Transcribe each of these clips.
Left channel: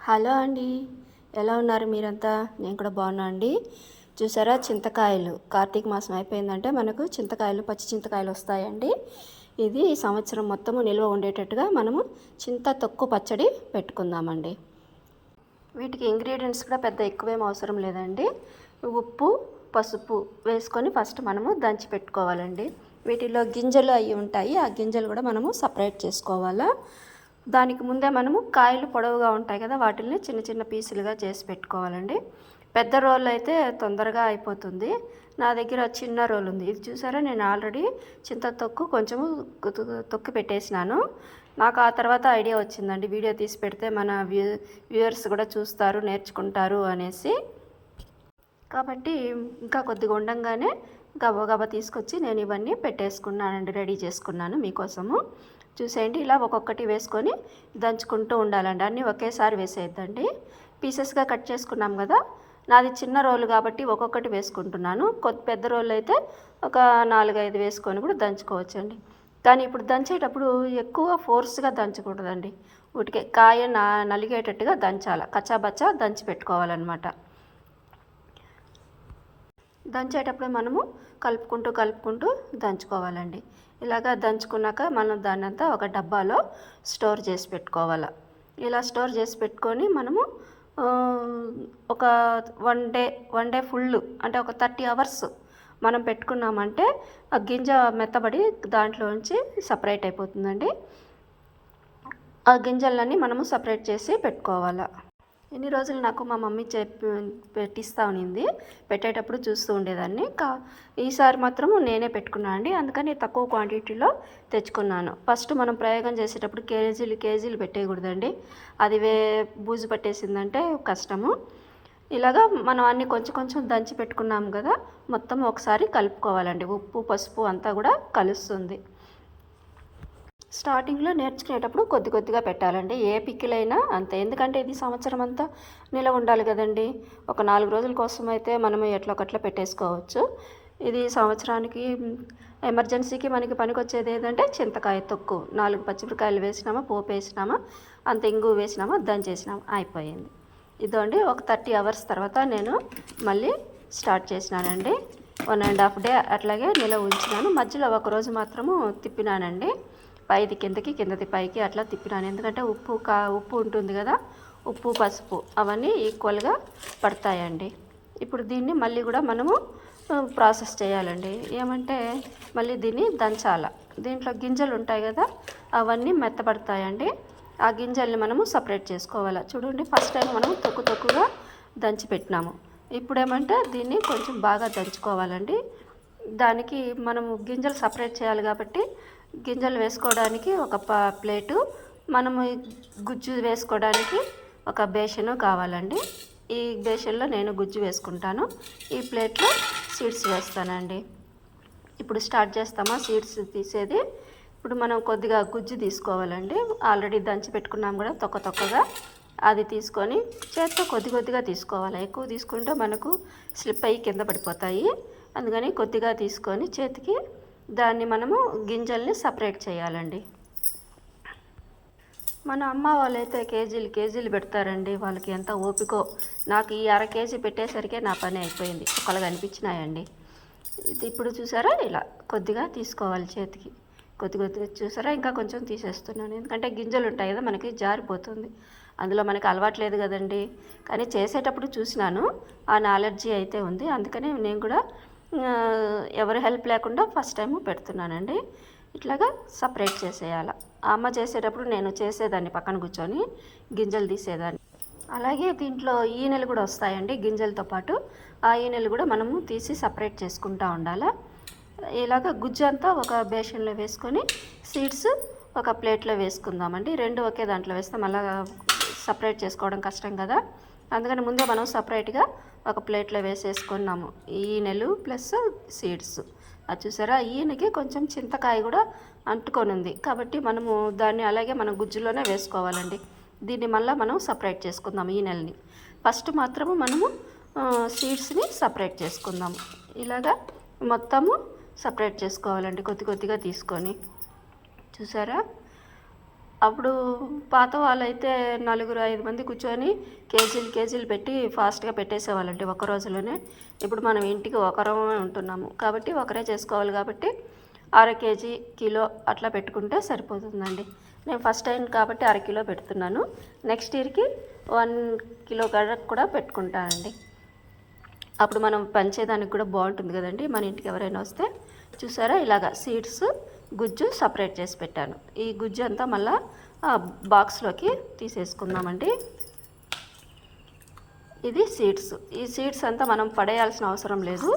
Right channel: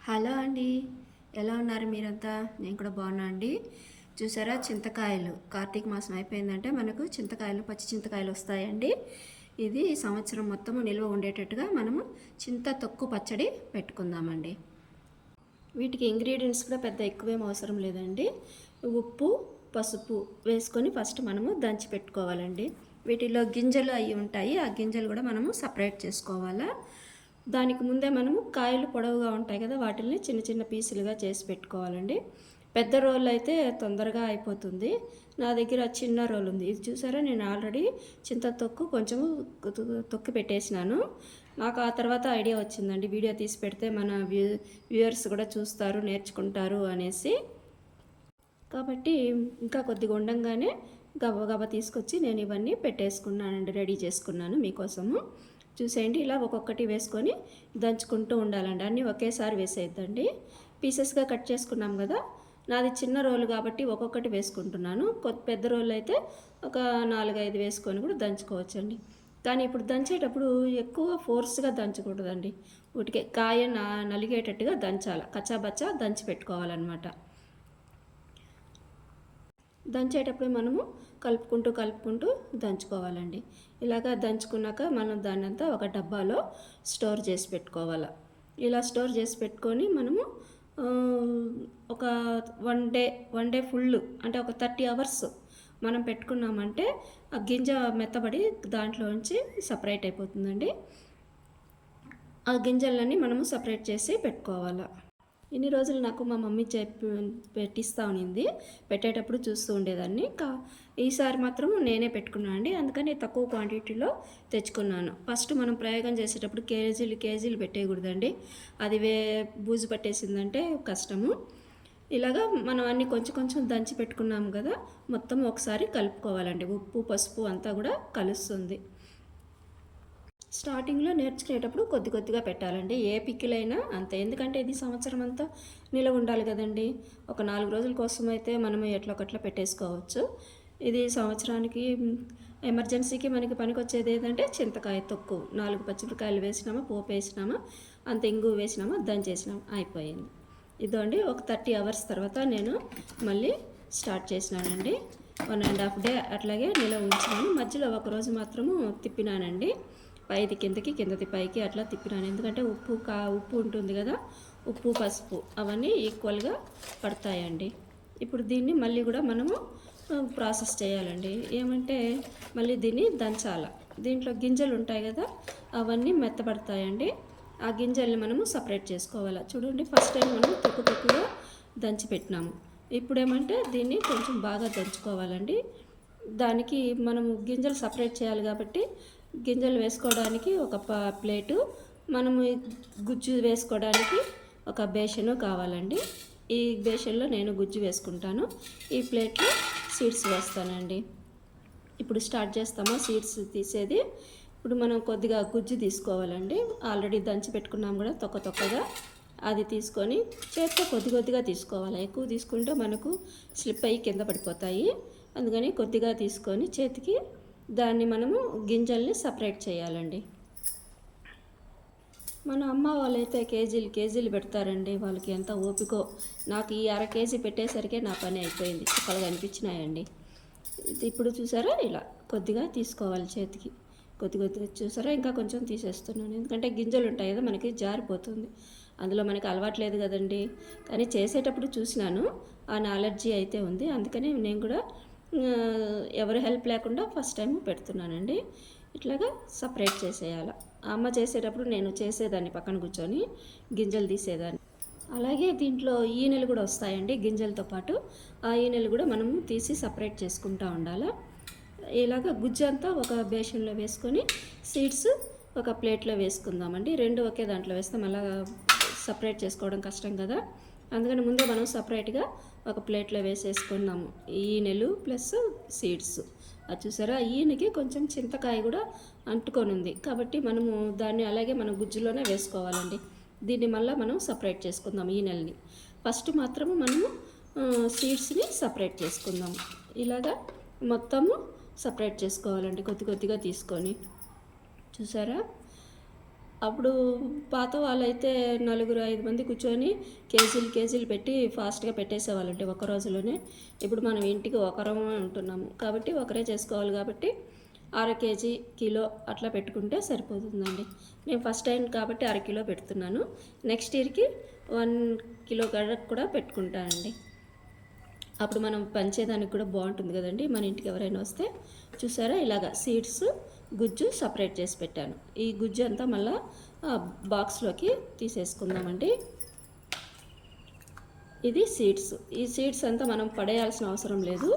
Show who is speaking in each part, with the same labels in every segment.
Speaker 1: Hello అండి. ఎలా ఉన్నారు మీరంతా? నేను కూడా బాగున్నా అండి. చూసారా చింతకాయలు. కార్తీక మాసం అయిపోయిందంటే మనకు చింతకాయలు పచ్చి చింతకాయలు వస్తాయండి. ఇది సంవత్సరం మొత్తము నిల్వ ఉండేటట్టుగా మనము చింత తొక్కు పచ్చడి పెట్టుకుందామండి. వీటికి ఇంగ్రీడియంట్స్ కూడా పెద్ద ఎక్కువేం అవసరం లేదండి. ఉప్పు పసుపు వేసుకొని ఫస్ట్ మనము దంచి పెట్టుకోవాలండి. వీటిలో గింజలు అవి ఉంటాయి. ఆ గింజలు కూడా మనము సపరేట్ చేసుకోవాలా? దానికి ముందే మనము కాయలు పొడవుగా ఉంటాయి కదా వాటిని చిన్న చిన్న పీసులుగా చేసి పెట్టుకోవాలండి. పెద్ద రోల్ అయితే తొందరగా అయిపోతుంది. నా దగ్గర చిన్న రోల్ ఉంది. ఇది చూసారా? నేను ఆల్రెడీ చింత తొక్కు కొంచెము తొక్కి పెట్టేసినాను. నాకు ఆ తర్వాత ఐడియా వచ్చిందండి. వీడియో తీసి పెడితే మన వ్యూ వ్యూవర్స్ కూడా చూస్తారు నేర్చుకుంటారు అనేసి. కాబట్టి ఇంకా కొద్దిగా ఉండంగానే గబ గబ తీసుకొచ్చి నేను ఇవన్నీ పెట్టేసుకున్నానండి రెడీ చేసుకున్నాను మీకోసము. చూసేయండి. ఇలా ఒక్కొక్కటి వేసుకొని దంచుకుంటూ ఉండాలండి. అన్నీ ఒకేసారి వేసేద్దండి పీసెస్గా కట్ చేసుకున్నాం కదా నాది చిన్న రోలు కాబట్టి ఒక్కొక్కటి వేసుకుంటున్నాను. కొద్ది పెద్ద రోలు అయితే ఒక నాలుగైదు వేసుకొని కూడా దంచుకోవచ్చండి. కానీ ఇప్పుడు దంచేటప్పుడు ఎక్కువ ఫోర్స్గా దంచకూడదండి. ఉటికే కాయ నా నలిగేటట్టుగా దంచాలి. కచ్చాబచ్చా దంచి పెట్టుకోవాలన్నమాట. దంచేటప్పుడు మనము కలుపుకుంటూ కలుపుకుంటూ దంచుకోవాలండి. ఇలాగా దంచుకున్నాక మనం దాన్ని అంతా ఒక డబ్బాలో స్టోర్ చేసి పెట్టుకోవాలి. ఇలా స్టోర్ చేసి పెట్టుకొని మనము ఒక one day one day full అంటే ఒక థర్టీ అవర్స్ మనం పెట్టుకున్నామంటే ఆ గింజ మెత్తబడి దాంట్లోంచి సపరేట్ అయిపోతుందండి. ఆ గింజలన్నీ మనము సపరేట్ చేసి పెట్టుకోవాలి. ఇన్ని రోజులు నాకు మా మమ్మీ చెప్పి పెట్టిస్తూ ఉన్నింది పెట్టేటప్పుడు చూస్తూ ఉండేదాన్ని. కా ఈసారి మాత్రం నేనే పెట్టుకున్నాను అండి. అందుకని తక్కువ క్వాంటిటీలో తెచ్చుకున్నాను. ఫస్ట్ మనం ప్రయోగం చేసేటప్పుడు కేజీలు కేజీలు పెట్టేయకూడదండి. అది వే బూజు పట్టేసిందంటే కష్టము. ఇలాగా మనం అన్ని కొంచెం కొంచెం దంచి పెట్టుకున్నాం కదా మొత్తం ఒకసారి కలుపుకోవాలండి. ఉప్పు పసుపు అంతా కూడా కలుస్తుంది. స్టార్టింగ్లో నేర్చుకునేటప్పుడు కొద్ది కొద్దిగా పెట్టాలండి. ఏ పిక్కిలైనా అంతే. ఎందుకంటే ఇది సంవత్సరం అంతా నిలవ ఉండాలి కదండి. ఒక నాలుగు రోజుల కోసం అయితే మనం ఎట్లా ఒకట్లా పెట్టేసుకోవచ్చు. ఇది సంవత్సరానికి ఎమర్జెన్సీకి మనకి పనికొచ్చేది ఏంటంటే చింతకాయ తొక్కు. నాలుగు పచ్చిమిరకాయలు వేసినామా పోపు వేసినామా అంత ఇంగు వేసినామా దంచేసినామా అయిపోయింది. ఇదండి ఒక థర్టీ అవర్స్ తర్వాత నేను మళ్ళీ స్టార్ట్ చేసినానండి. వన్ అండ్ హాఫ్ డే అట్లాగే నిలవ ఉంచినాను. మధ్యలో ఒకరోజు మాత్రము తిప్పినానండి. పైది కిందకి కిందది పైకి అట్లా తిప్పినాను. ఎందుకంటే ఉప్పు కా ఉప్పు ఉంటుంది కదా ఉప్పు పసుపు అవన్నీ ఈక్వల్గా పడతాయండి. ఇప్పుడు దీన్ని మళ్ళీ కూడా మనము ప్రాసెస్ చేయాలండి. ఏమంటే మళ్ళీ దీన్ని దంచాల. దీంట్లో గింజలు ఉంటాయి కదా అవన్నీ మెత్తపడతాయండి. ఆ గింజల్ని మనము సపరేట్ చేసుకోవాలి. చూడండి ఫస్ట్ టైం మనం తొక్కు తక్కువగా దంచి పెట్టినాము. ఇప్పుడు ఏమంటే దీన్ని కొంచెం బాగా దంచుకోవాలండి. దానికి మనము గింజలు సపరేట్ చేయాలి కాబట్టి గింజలు వేసుకోవడానికి ఒక ప్లేటు. మనము గుజ్జు వేసుకోవడానికి ఒక బేషను కావాలండి. ఈ బేషన్లో నేను గుజ్జు వేసుకుంటాను. ఈ ప్లేట్లో సీడ్స్ వేస్తానండి. ఇప్పుడు స్టార్ట్ చేస్తామా? సీడ్స్ తీసేది. ఇప్పుడు మనం కొద్దిగా గుజ్జు తీసుకోవాలండి. ఆల్రెడీ దంచి పెట్టుకున్నాం కూడా తొక్క తొక్కగా. అది తీసుకొని చేత్తో కొద్ది కొద్దిగా తీసుకోవాలి. ఎక్కువ తీసుకుంటే మనకు స్లిప్ అయ్యి కింద పడిపోతాయి. అందుకని కొద్దిగా తీసుకొని చేతికి దాన్ని మనము గింజల్ని సపరేట్ చేయాలండి. మన అమ్మ వాళ్ళైతే కేజీలు కేజీలు పెడతారండి. వాళ్ళకి ఎంత ఓపికో. నాకు ఈ అర కేజీ పెట్టేసరికే నా పని అయిపోయింది. చుక్కలు కనిపించినాయండి ఇప్పుడు చూసారా? ఇలా కొద్దిగా తీసుకోవాలి చేతికి. కొద్ది కొద్దిగా చూసారా? ఇంకా కొంచెం తీసేస్తున్నాను. ఎందుకంటే గింజలు ఉంటాయి కదా మనకి జారిపోతుంది. అందులో మనకి అలవాట్లేదు కదండి. కానీ చేసేటప్పుడు చూసినాను. ఆ నాలెడ్జీ అయితే ఉంది. అందుకని నేను కూడా ఎవరి హెల్ప్ లేకుండా ఫస్ట్ టైం పెడుతున్నానండి. ఇట్లాగా సపరేట్ చేసేయాలి. అమ్మ చేసేటప్పుడు నేను చేసేదాన్ని పక్కన కూర్చొని గింజలు తీసేదాన్ని. అలాగే దీంట్లో ఈనెలు కూడా వస్తాయండి గింజలతో పాటు. ఆ ఈనెలు కూడా మనము తీసి సపరేట్ చేసుకుంటూ ఉండాలి. ఇలాగ గుజ్జు అంతా ఒక బేషన్లో వేసుకొని సీడ్స్ ఒక ప్లేట్లో వేసుకుందామండి. రెండు ఒకే దాంట్లో వేస్తే మళ్ళీ సపరేట్ చేసుకోవడం కష్టం కదా. అందుకని ముందే మనం సపరేట్గా ఒక ప్లేట్లో వేసేసుకున్నాము. ఈనెలు ప్లస్ సీడ్స్. అది చూసారా? ఈయనకి కొంచెం చింతకాయ కూడా అంటుకొని ఉంది కాబట్టి మనము దాన్ని అలాగే మనం గుజ్జులోనే వేసుకోవాలండి. దీన్ని మళ్ళీ మనం సపరేట్ చేసుకుందాం ఈ నెలని ఫస్ట్ మాత్రము మనము సీడ్స్ని సపరేట్ చేసుకుందాము. ఇలాగా మొత్తము సపరేట్ చేసుకోవాలండి కొద్ది కొద్దిగా తీసుకొని. చూసారా? అప్పుడు పాత వాళ్ళైతే నలుగురు ఐదు మంది కూర్చొని కేజీలు కేజీలు పెట్టి ఫాస్ట్గా పెట్టేసేవాళ్ళండి ఒక రోజులోనే. ఇప్పుడు మనం ఇంటికి ఒకరమే ఉంటున్నాము. కాబట్టి ఒకరే చేసుకోవాలి కాబట్టి అర కేజీ కిలో అట్లా పెట్టుకుంటే సరిపోతుందండి. నేను ఫస్ట్ టైం కాబట్టి అర కిలో పెడుతున్నాను. నెక్స్ట్ ఇయర్కి వన్ కిలో గడకు కూడా పెట్టుకుంటానండి. అప్పుడు మనం పంచేదానికి కూడా బాగుంటుంది కదండి. మన ఇంటికి ఎవరైనా వస్తే చూసారా? ఇలాగా సీడ్స్ గుజ్జు సపరేట్ చేసి పెట్టాను. ఈ గుజ్జు అంతా మళ్ళా బాక్స్లోకి తీసేసుకుందామండి. ఇది సీడ్స్. ఈ సీడ్స్ అంతా మనం పడేయాల్సిన అవసరం లేదు.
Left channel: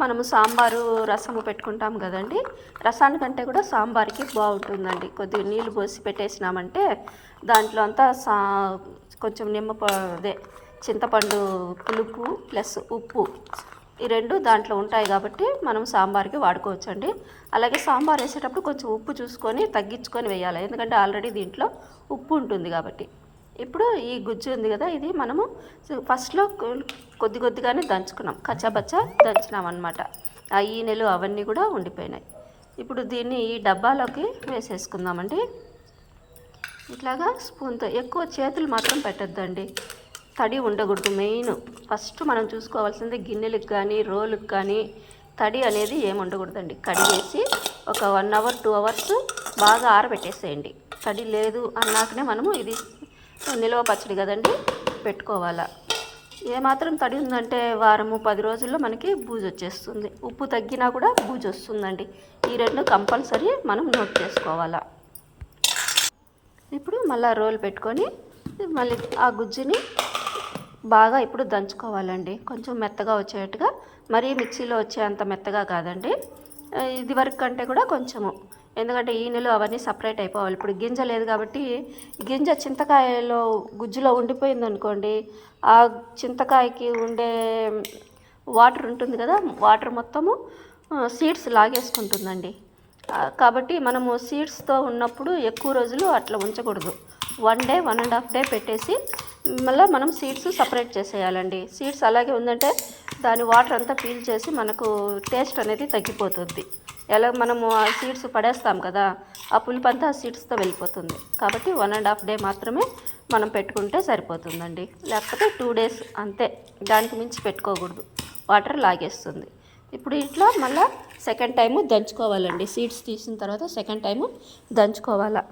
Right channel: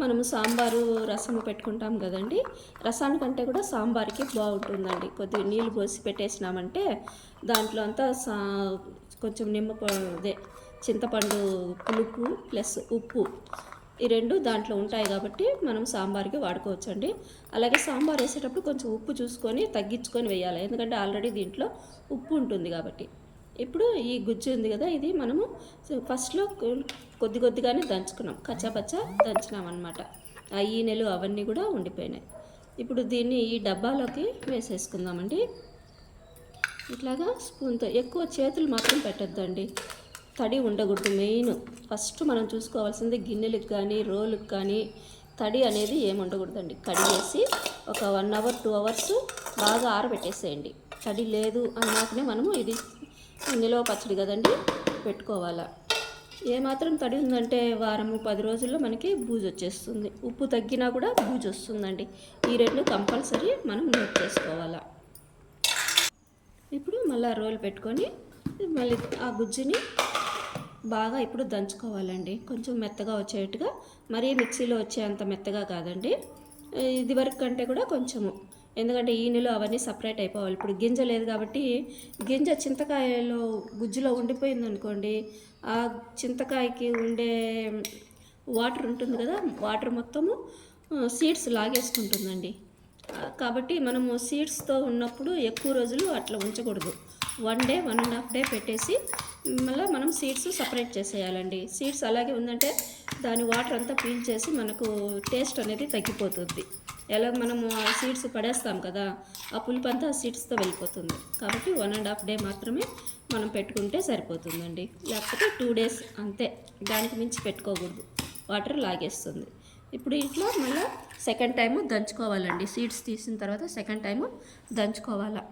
Speaker 1: మనము సాంబారు రసము పెట్టుకుంటాం కదండి. రసానికంటే కూడా సాంబార్కి బాగుంటుందండి. కొద్దిగా నీళ్ళు పోసి పెట్టేసినామంటే దాంట్లో అంతా సా కొంచెం నిమ్మ అదే చింతపండు పులుపు ప్లస్ ఉప్పు ఈ రెండు దాంట్లో ఉంటాయి కాబట్టి మనం సాంబార్కి వాడుకోవచ్చండి. అలాగే సాంబార్ వేసేటప్పుడు కొంచెం ఉప్పు చూసుకొని తగ్గించుకొని వేయాలి. ఎందుకంటే ఆల్రెడీ దీంట్లో ఉప్పు ఉంటుంది కాబట్టి. ఇప్పుడు ఈ గుజ్జు ఉంది కదా ఇది మనము ఫస్ట్లో కొద్ది కొద్దిగానే దంచుకున్నాం. కచ్చాబచ్చా దంచినాం అనమాట ఆ ఈనెలు అవన్నీ కూడా ఉండిపోయినాయి. ఇప్పుడు దీన్ని ఈ డబ్బాలోకి వేసేసుకుందామండి. ఇట్లాగా స్పూన్తో ఎక్కువ చేతులు మాత్రం పెట్టద్దండి. తడి ఉండకూడదు మెయిన్. ఫస్ట్ మనం చూసుకోవాల్సింది గిన్నెలకు కానీ రోలుకి కానీ తడి అనేది ఏమి ఉండకూడదండి. కడిగేసి ఒక వన్ అవర్ టూ అవర్స్ బాగా ఆరబెట్టేసేయండి. తడి లేదు అన్నాకనే మనము ఇది నిల్వ పచ్చడి కదండి పెట్టుకోవాలా. ఏమాత్రం తడి ఉందంటే వారము పది రోజుల్లో మనకి బూజు వచ్చేస్తుంది. ఉప్పు తగ్గినా కూడా బూజు వస్తుందండి. ఈ రెండు కంపల్సరీ మనం నోట్ చేసుకోవాలా. ఇప్పుడు మళ్ళీ రోల్ పెట్టుకొని మళ్ళీ ఆ గుజ్జుని బాగా ఇప్పుడు దంచుకోవాలండి. కొంచెం మెత్తగా వచ్చేట్టుగా మరీ మిక్సీలో వచ్చేంత మెత్తగా కాదండి. ఇది వరకు కంటే కూడా కొంచెము. ఎందుకంటే ఈనెలు అవన్నీ సపరేట్ అయిపోవాలి. ఇప్పుడు గింజ లేదు కాబట్టి గింజ చింతకాయలో గుజ్జులో ఉండిపోయింది అనుకోండి ఆ చింతకాయకి ఉండే వాటర్ ఉంటుంది కదా వాటర్ మొత్తము సీడ్స్ లాగేసుకుంటుందండి. కాబట్టి మనము సీడ్స్తో ఉన్నప్పుడు ఎక్కువ రోజులు అట్లా ఉంచకూడదు. One day one and half day పెట్టేసి మళ్ళీ మనం సీడ్స్ సపరేట్ చేసేయాలండి. సీడ్స్ అలాగే ఉందంటే దాని వాటర్ అంతా పీల్ చేసి మనకు టేస్ట్ అనేది తగ్గిపోతుంది. ఎలా మనము ఆ సీడ్స్ పడేస్తాం కదా ఆ పులుపు అంతా ఆ సీడ్స్తో వెళ్ళిపోతుంది. కాబట్టి వన్ అండ్ హాఫ్ డే మాత్రమే మనం పెట్టుకుంటే సరిపోతుందండి. లేకపోతే టూ డేస్ అంతే దానికి మించి పెట్టుకోకూడదు. వాటర్ లాగేస్తుంది. ఇప్పుడు ఇట్లా మళ్ళీ సెకండ్ టైము దంచుకోవాలండి. సీడ్స్ తీసిన తర్వాత సెకండ్ టైము దంచుకోవాలా?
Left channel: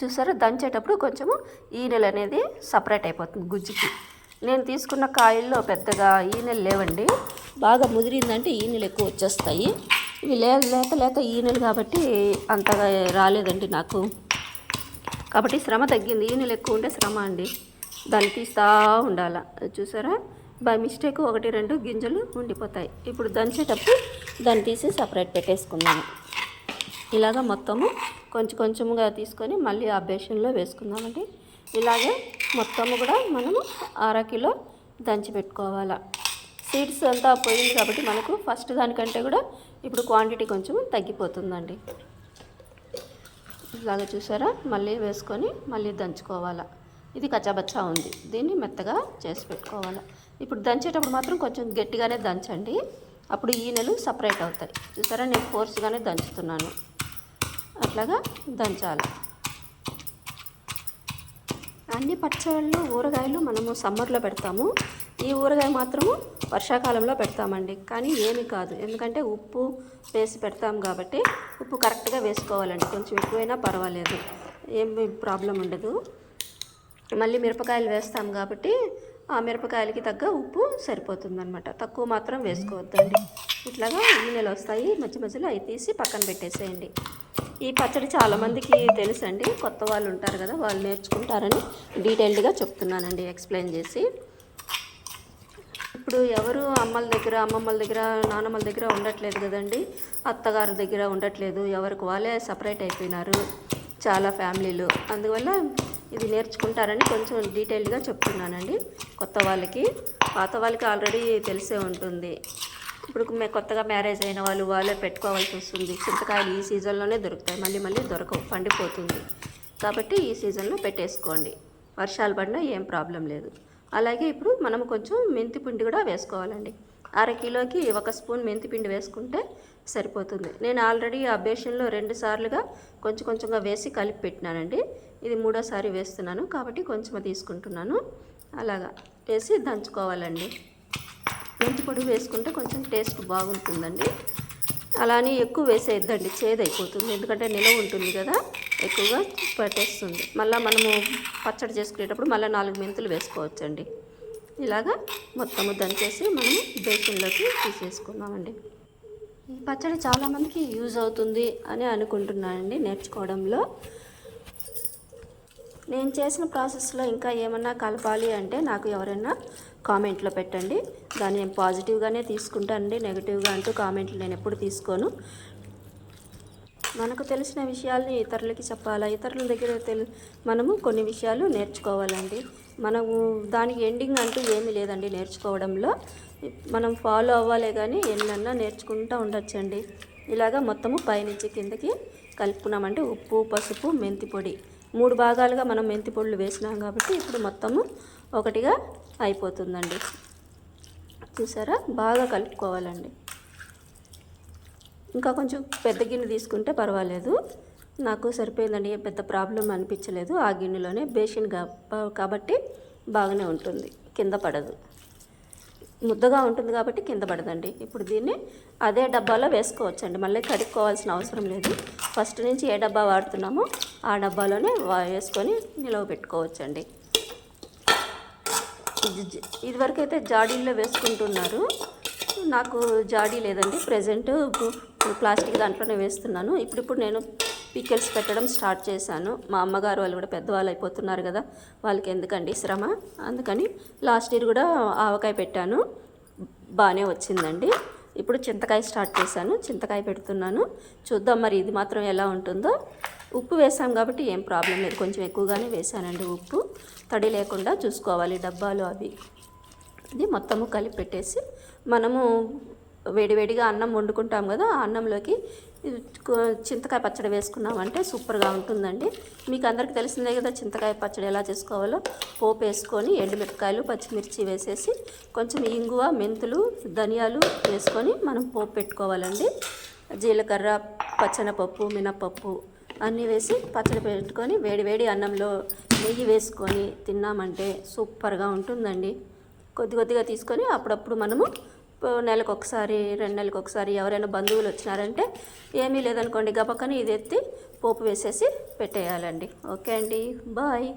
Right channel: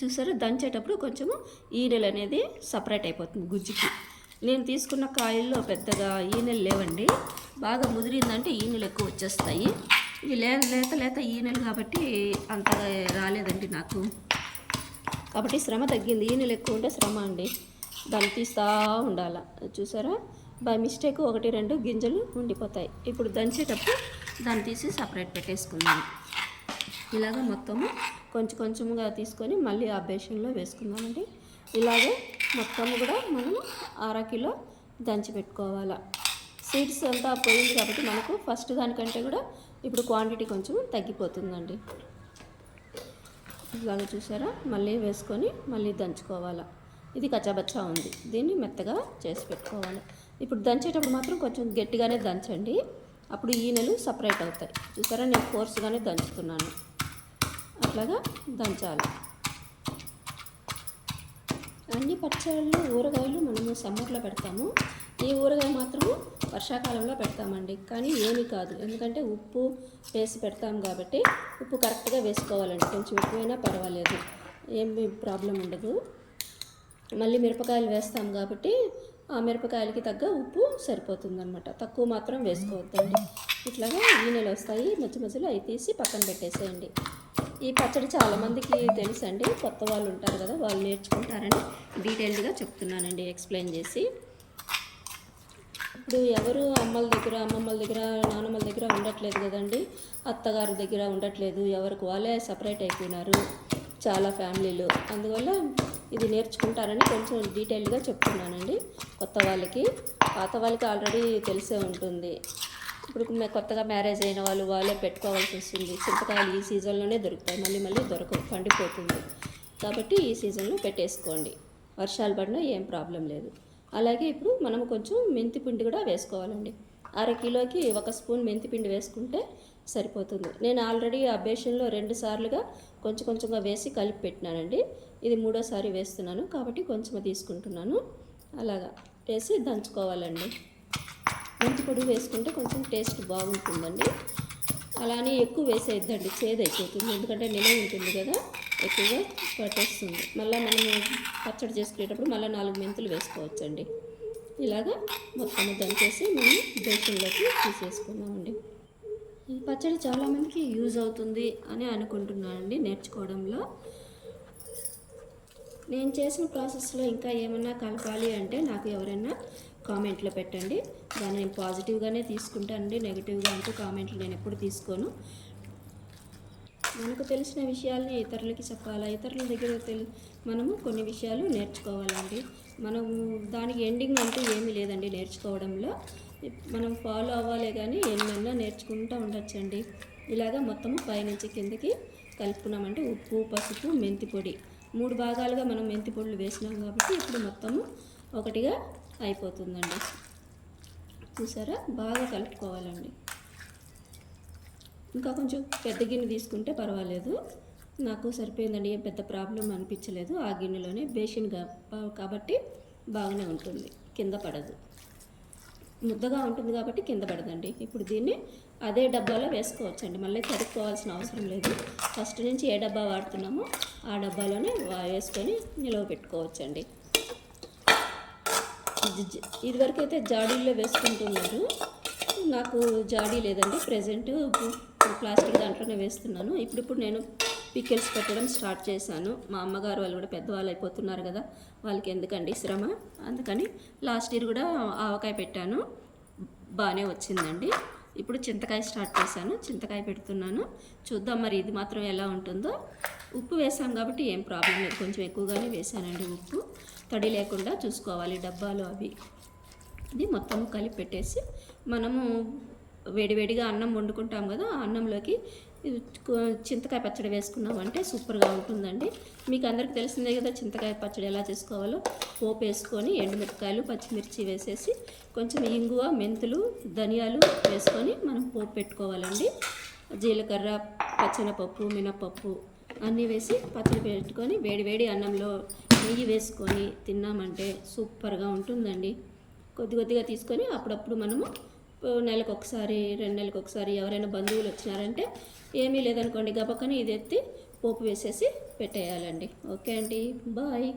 Speaker 1: చూసారా? దంచేటప్పుడు కొంచెము ఈనెలు అనేది సపరేట్ అయిపోతుంది గుజ్జుకి. నేను తీసుకున్న కాయల్లో పెద్దగా ఈనెలు లేవండి. బాగా ముదిరిందంటే ఈనెలు ఎక్కువ వచ్చేస్తాయి. ఇవి లే లేత లేత ఈనెలు కాబట్టి అంతగా రాలేదండి నాకు. కాబట్టి శ్రమ తగ్గింది. ఈనెలు ఎక్కువ ఉంటే శ్రమ అండి. దాన్ని తీస్తూ ఉండాల. చూసారా? బై మిస్టేక్ ఒకటి రెండు గింజలు ఉండిపోతాయి. ఇప్పుడు దంచేటప్పుడు దాన్ని తీసి సపరేట్ పెట్టేసుకున్నాను ఇలాగ మొత్తము కొంచెం కొంచెముగా తీసుకొని మళ్ళీ ఆ బేషన్లో వేసుకుందామండి. ఇలాగే మొత్తము కూడా మనము అర కిలో దంచి పెట్టుకోవాలా. సీడ్స్ అంతా పోయింది కాబట్టి మనకు ఫస్ట్ దానికంటే కూడా ఇప్పుడు క్వాంటిటీ కొంచెం తగ్గిపోతుందండి. ఇలాగ చూసారా? మళ్ళీ వేసుకొని మళ్ళీ దంచుకోవాలా. ఇది కచ్చాబచ్చా ఉంది. దీన్ని మెత్తగా చేసి పెట్టుకోవాలా. ఇప్పుడు దంచేటప్పుడు మాత్రం కొంచెం గట్టిగానే దంచండి. అప్పుడు ఈనెలు సపరేట్ అవుతాయి. చూసారా? నేను ఫోర్స్గానే దంచుతున్నాను. అట్లాగా దంచాలి. అన్ని పచ్చళ్ళు ఊరగాయలు మనము సమ్మర్లో పెడతాము. ఈ ఊరగాయ మాత్రము వర్షాకాలంలో పెడతామండి. కానీ ఏమీ కాదు. ఎందుకంటే ఉప్పు వేసి పెడతాం కాబట్టి ఉప్పు కరెక్ట్గా వేసుకోవాలండి. కొంచెం ఎక్కువైనా పర్వాలేదు. ఏమి ప్రాబ్లం ఉండదు. మళ్ళీ మిరపకాయలు వేస్తాం కాబట్టి ఆ మిరపకాయలకి తగ్గ ఉప్పు సరిపోతుందనమాట తక్కువ మాత్రం వేసుకోవద్దండి. ఇట్లాగా గిన్నెలు వస్తాయి. మధ్య మధ్యలో అవి తీసి పక్కన పెట్టేసేయండి. ఈ పచ్చడి చాలామందికి తెలుసండి. కొత్త వాళ్ళు ఉంటారు కదా వాళ్ళు నేర్చుకుంటారని డీటెయిల్డ్గా చెప్తున్నానండి ఎక్స్ప్లెయిన్ చేసి. ఇప్పుడు ఎవరు అమ్మల దగ్గర అమ్మమ్మల దగ్గర నాన్నమ్మల దగ్గర ఉండట్లేదు కదండి. అత్తగారి దగ్గర ఉండట్లేదు ఎవరికి వాళ్ళే సపరేట్ అయిపోయినారు చాలా ఫ్యామిలీలు. అందువల్ల ఇది నేర్చుకుంటారని కొంచెం డీటెయిల్డ్గా చెప్తున్నానండి. కొత్త వాళ్ళకి పాత వాళ్ళకి ఆల్రెడీ తెలిసే ఉంటుంది. ఇప్పుడు కొత్తగా మ్యారేజ్ అయిన వాళ్ళు వాళ్ళే పెట్టుకోవాల్సి వస్తుంది. చింతకాయలు ఈ సీజన్లోనే దొరుకుతాయి. మళ్ళీ మళ్ళీ దొరకవు. పండిపోతుంది. కాబట్టి ఈ సీజన్లో పెట్టేసుకోండి. వర్షాలు పడినా ఏం ప్రాబ్లం లేదు. అలాగే ఇప్పుడు మనం కొంచెం మెంతి పిండి కూడా వేసుకోవాలండి. అర కిలోకి ఒక స్పూన్ మెంతి పిండి వేసుకుంటే సరిపోతుంది. నేను ఆల్రెడీ ఆ బేషన్లో రెండు సార్లుగా కొంచెం కొంచెంగా వేసి కలిపి పెట్టినానండి. ఇది మూడోసారి వేస్తున్నాను కాబట్టి కొంచెం తీసుకుంటున్నాను. అలాగా. వేసి దంచుకోవాలండి. మెంతి పొడి వేసుకుంటే కొంచెం టేస్ట్ బాగుంటుందండి. అలానే ఎక్కువ వేసేద్దండి చేదైపోతుంది. ఎందుకంటే నిలవ ఉంటుంది కదా ఎక్కువగా పట్టేస్తుంది. మళ్ళీ మనము పచ్చడి చేసుకునేటప్పుడు మళ్ళీ నాలుగు మెంతులు వేసుకోవచ్చండి. ఇలాగా మొత్తము దంచేసి మనం బేసిన్లోకి తీసేసుకుందామండి. ఈ పచ్చడి చాలామందికి యూజ్ అవుతుంది అని అనుకుంటున్నానండి నేర్చుకోవడంలో. నేను చేసిన ప్రాసెస్లో ఇంకా ఏమన్నా కలపాలి అంటే నాకు ఎవరైనా కామెంట్లో పెట్టండి. దాన్ని నేను పాజిటివ్గానే తీసుకుంటానండి నెగిటివ్గా అంటూ కామెంట్లు నేను ఎప్పుడు తీసుకోను. మనకు తెలిసిన విషయాల్ని ఇతరులకి చెప్పాలా? ఇతరుల దగ్గర తెలి మనము కొన్ని విషయాలు నేర్చుకోవాలండి. మనము దానికి ఎండింగ్ అంటూ ఏమీ లేదండి నేర్చుకోవడంలో. మనం ఫాలో అవ్వాలే కానీ ఎన్నన్నా నేర్చుకుంటూ ఉండొచ్చండి. ఇలాగా మొత్తము పైనుంచి కిందకి కలుపుకున్నామంటే ఉప్పు పసుపు మెంతి పొడి. మూడు భాగాలుగా మనం మెంతి పొడులు వేసినాం కాబట్టి ఇప్పుడు మొత్తము ఒకటిగా అయిపోతుందండి. చూసారా? బాగా కలుపుకోవాలండి. ఇంకా కొంచెం పెద్ద గిన్నె తీసుకుంటే పర్వాలేదు. నాకు సరిపోయిందండి పెద్ద ప్రాబ్లం అనిపించలేదు. ఆ గిన్నెలోనే బేసిన్ కా- కాబట్టి బాగానే ఉంటుంది. కింద పడదు. ముద్దగా ఉంటుంది కాబట్టి కింద పడదండి. ఇప్పుడు దీన్ని అదే డబ్బాలో వేసుకోవచ్చండి. మళ్ళీ కడుక్కోవాల్సిన అవసరం లేదు. ఫస్ట్ నుంచి ఏ డబ్బా వాడుతున్నామో ఆ డబ్బాలోనే వా- వేసుకొని నిలవ పెట్టుకోవచ్చండి. ఇది ఇదివరకు అయితే జాడీల్లో వేసుకుంటున్నారు. నాకు జాడీ లేదండి. ప్రజెంట్ ప్లాస్టిక్ దాంట్లోనే వేస్తున్నాను. ఇప్పుడిప్పుడు నేను పికెల్స్ పెట్టడం స్టార్ట్ చేశాను. మా అమ్మగారు వాళ్ళు కూడా పెద్దవాళ్ళు అయిపోతున్నారు కదా వాళ్ళకి ఎందుకండి శ్రమ? అందుకని లాస్ట్ ఇయర్ కూడా ఆవకాయ పెట్టాను. బాగానే వచ్చిందండి. ఇప్పుడు చింతకాయ స్టార్ట్ చేశాను. చింతకాయ పెడుతున్నాను. చూద్దాం మరి ఇది మాత్రం ఎలా ఉంటుందో. ఉప్పు వేసాం కాబట్టి ఏం ప్రాబ్లం లేదు. కొంచెం ఎక్కువగానే వేసానండి ఉప్పు. తడి లేకుండా చూసుకోవాలి డబ్బాలు అవి. ఇది మొత్తము కలిపి పెట్టేసి మనము వేడివేడిగా అన్నం వండుకుంటాం కదా ఆ అన్నంలోకి చింతకాయ పచ్చడి వేసుకున్నామంటే సూపర్గా ఉంటుందండి. మీకు అందరికీ తెలిసిందే కదా చింతకాయ పచ్చడి ఎలా చేసుకోవాలో. పోపు వేసుకొని ఎండుమిరపకాయలు పచ్చిమిర్చి వేసేసి కొంచెం ఇంగువ మెంతులు ధనియాలు వేసుకొని మనం పోపు పెట్టుకోవాలండి. జీలకర్ర పచ్చనపప్పు మినపప్పు అన్నీ వేసి పచ్చడి పెట్టుకొని వేడి వేడి అన్నంలో నెయ్యి వేసుకొని తిన్నామంటే సూపర్గా ఉంటుందండి. కొద్ది కొద్దిగా తీసుకొని అప్పుడప్పుడు మనము నెలకు ఒకసారి రెండు నెలలకు ఒకసారి ఎవరైనా బంధువులు వచ్చినారంటే ఏమీ లేదనుకోండి గబక్కని ఇది ఎత్తి పోపు వేసేసి పెట్టేయాలండి. ఓకే అండి బాయ్.